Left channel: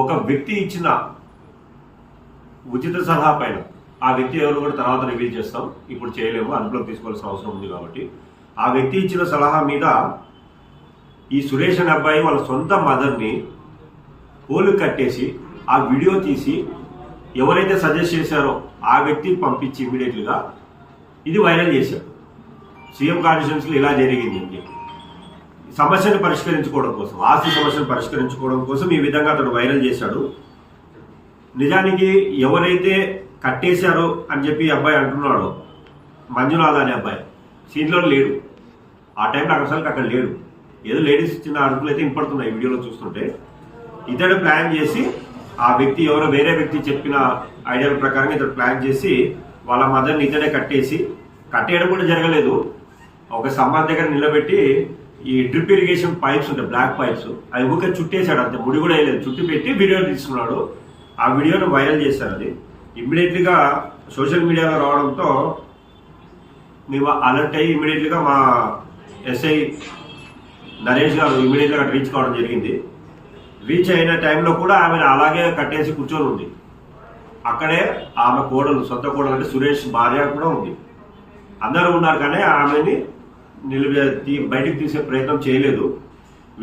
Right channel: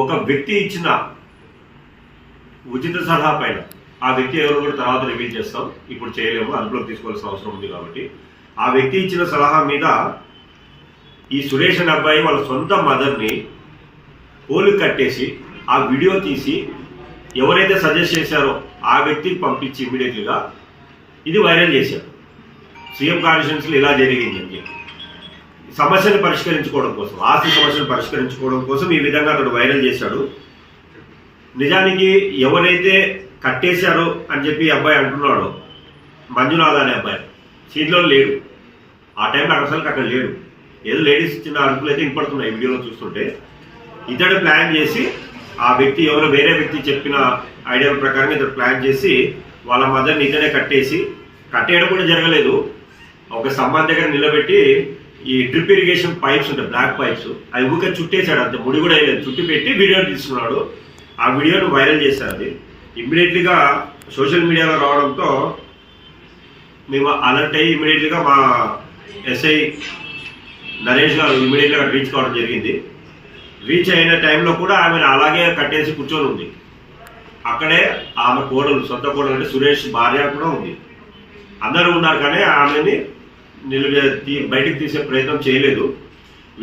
ఒక వ్యక్తి ఇచ్చిన ఉచిత సలహా పైన ఆ వ్యక్తి ఎవరు కూడా తర్వాత రివీల్ చేస్తాం, ఇప్పుడు చేయలేము, అదుపులోకి తీసుకోవాల్సిన అవసరం ఉంది కాబట్టి ఆ వ్యక్తి ఇచ్చిన సలహా మీద ఈ సురేష్ అనే అబ్బాయి వాళ్ళ సొంత మదర్ని పోలు కట్టేసి ఆ వీడియో తీసి ఎవరైతే సజెస్ట్ చేశారో ఆ వ్యక్తికి పంపించి ఇమీడియట్లీగా ఇది వైరల్ చేశారు. సీఎం కాన్స్టిట్యున్సీలో ఇలా జరిగింది అని చెప్పి సమస్యను పరిష్కరించుకోవడం కోసం, ఆస్తి సమస్యను పరిష్కరించుకోవడం కోసం ఈ విధంగా అతడు వైరల్ చేశాడు. నిజానికి ఎవరైతే కట్టేశారో అని చెప్పి అబ్బాయి అంటున్నాడో మంజునాథ్ అనే అబ్బాయి సీట్లో లేడు, ఆ టైంలో అసలు లేడు. ఏదో లేడీస్ చిన్న అరుపులు అయితే వినపడుతున్నాయి వీడియోలో చూస్తుంటే. ఇతడు ప్లాన్ చేసి ఆ వ్యక్తి ఎవరో వేరే వ్యక్తి చెప్పిన ఐడియాల ప్రకారం ఇతడు ప్లాన్ చేసి వాళ్ళ మదర్ని ఇతడే కట్టేయడం కూడా జరగలేదు. ఒక స్తంభం దగ్గర నిలబెట్టి ఈ డ్రిప్ ఇరిగేషన్ పైప్స్ ఉంటాయి, బ్లాక్ పైప్స్, అవి ఊరికే చుట్టేశాడు, అంత ముడి కూడా వేయలేదు, చుట్టి పెట్టి వీడియో తీసుకున్నాడు. ఆ వీడియోను వైరల్ చేశారు. అది ఇమ్మీడియట్లీగా సోషల్ మీడియాలో రావడంతో మేము అలర్ట్ అయ్యి ఇమ్మీడియట్లీగా మా ఎస్ఐ నరేష్ గారు ఇమ్మీడియట్గా రీచ్ కావడం జరిగింది. రీచ్ అయిన టైంలో కూడా ఆమెను అలాగే కట్టేసి కూర్చొని ఉంది. అక్కడే ఆమె కోడలు, సొంత కోడలు అంటే సురేష్ భార్య కూడా ఉంది. అందరూ ఉన్నారు కానీ ఆమెని బయటికి తీసే ప్రయత్నం చేయలేదు.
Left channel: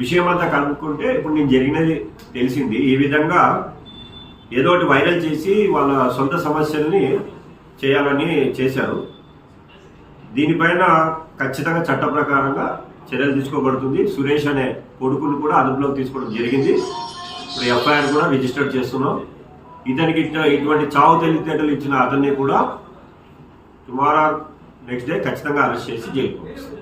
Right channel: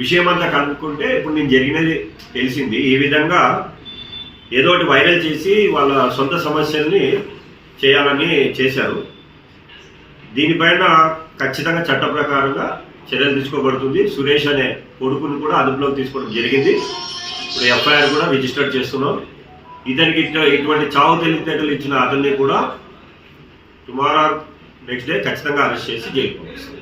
విషయం అంతా కనుక్కుంటే ఇప్పుడు నేను జరిగినది తెలిసింది. ఈ విధంగా ఏదో ఒకటి వైరల్ చేసి వాళ్ళ సొంత సమస్యల్ని చేయాలని చేశారు. దీనిపైన ఖచ్చితంగా చట్ట ప్రకారంగా చర్యలు తీసుకోబడుతుంది. సురేష్ అనే కొడుకుని కూడా అదుపులోకి తీసుకోవడం జరిగింది. ఇప్పుడు ఎఫ్ఐఆర్ కూడా రిజిస్టర్ చేస్తున్నాం. ఇతనికి ఇటువంటి చావు తెలివితేటలు ఇచ్చిన అతన్ని కూడా టుమారో నెక్స్ట్ డే ఖచ్చితంగా అరెస్ట్ చేసి జైలుకి పంపిస్తాం.